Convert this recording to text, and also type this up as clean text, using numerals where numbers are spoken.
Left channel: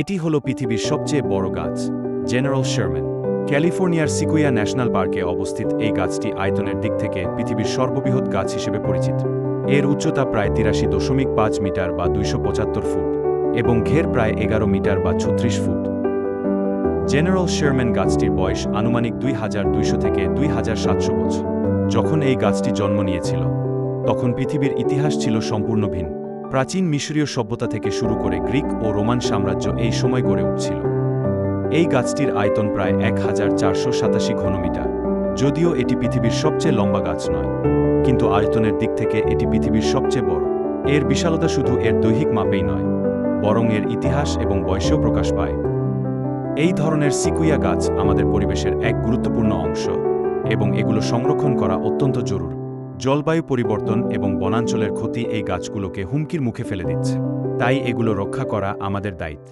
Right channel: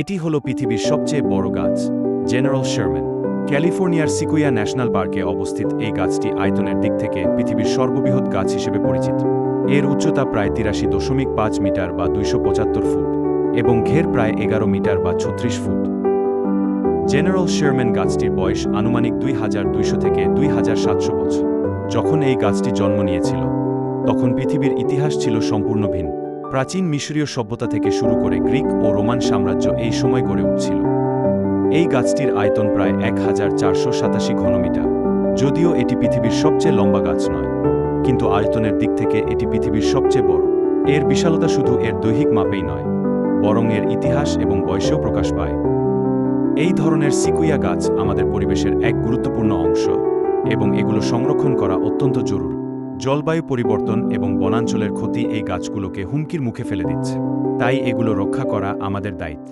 এটি হল পৃথিবীর সবচেয়ে বড় গাছ, জেনারেল শারম্যান। ক্যালিফোর্নিয়ার সিকুইয়া ন্যাশনাল পার্কে অবস্থিত এই গাছটি আয়তনের দিক থেকে পৃথিবীর সর্ববৃহৎ গাছ হিসেবে পরিচিত। এর উচ্চতা প্রায় ৮৩.৫ মিটার বা ২৭৫ ফুট এবং ঘের প্রায় ১১ মিটার বা ৩৬ ফুট। জেনারেল শারম্যান গাছটির বয়স আনুমানিক ২২০০ থেকে ২৭০০ বছর। যখন এই গাছটি জন্ম নিয়েছিল, তখন পৃথিবীর ইতিহাস ছিল সম্পূর্ণ ভিন্ন। প্রাচীন মিশরীয় সভ্যতা থেকে শুরু করে গ্রিক ও রোমান সাম্রাজ্য এই সময় গড়ে উঠছিল। এই গাছটির আয়তন প্রায় ১,৪৮৭ ঘনমিটার। যদিও এটি পৃথিবীর সবচেয়ে লম্বা গাছ নয়, কিন্তু আয়তনের দিক থেকে এটি পৃথিবীর সবচেয়ে বড়। এর বিশালতা শুধু এর দৈহিক মাপেই নয়, বরং এর ইতিহাস এবং বয়সেও প্রকাশ পায়। এই ধরনের সিকুইয়া গাছ আমাদের পরিবেশের এক গুরুত্বপূর্ণ অংশ এবং এগুলো সংরক্ষণ করা অত্যন্ত জরুরি। জলবায়ু পরিবর্তন এবং বনাঞ্চলের ক্ষতি এই গাছগুলোকে হুমকির মুখে ফেলে দিচ্ছে, তাই এগুলো রক্ষা করা আমাদের দায়িত্ব।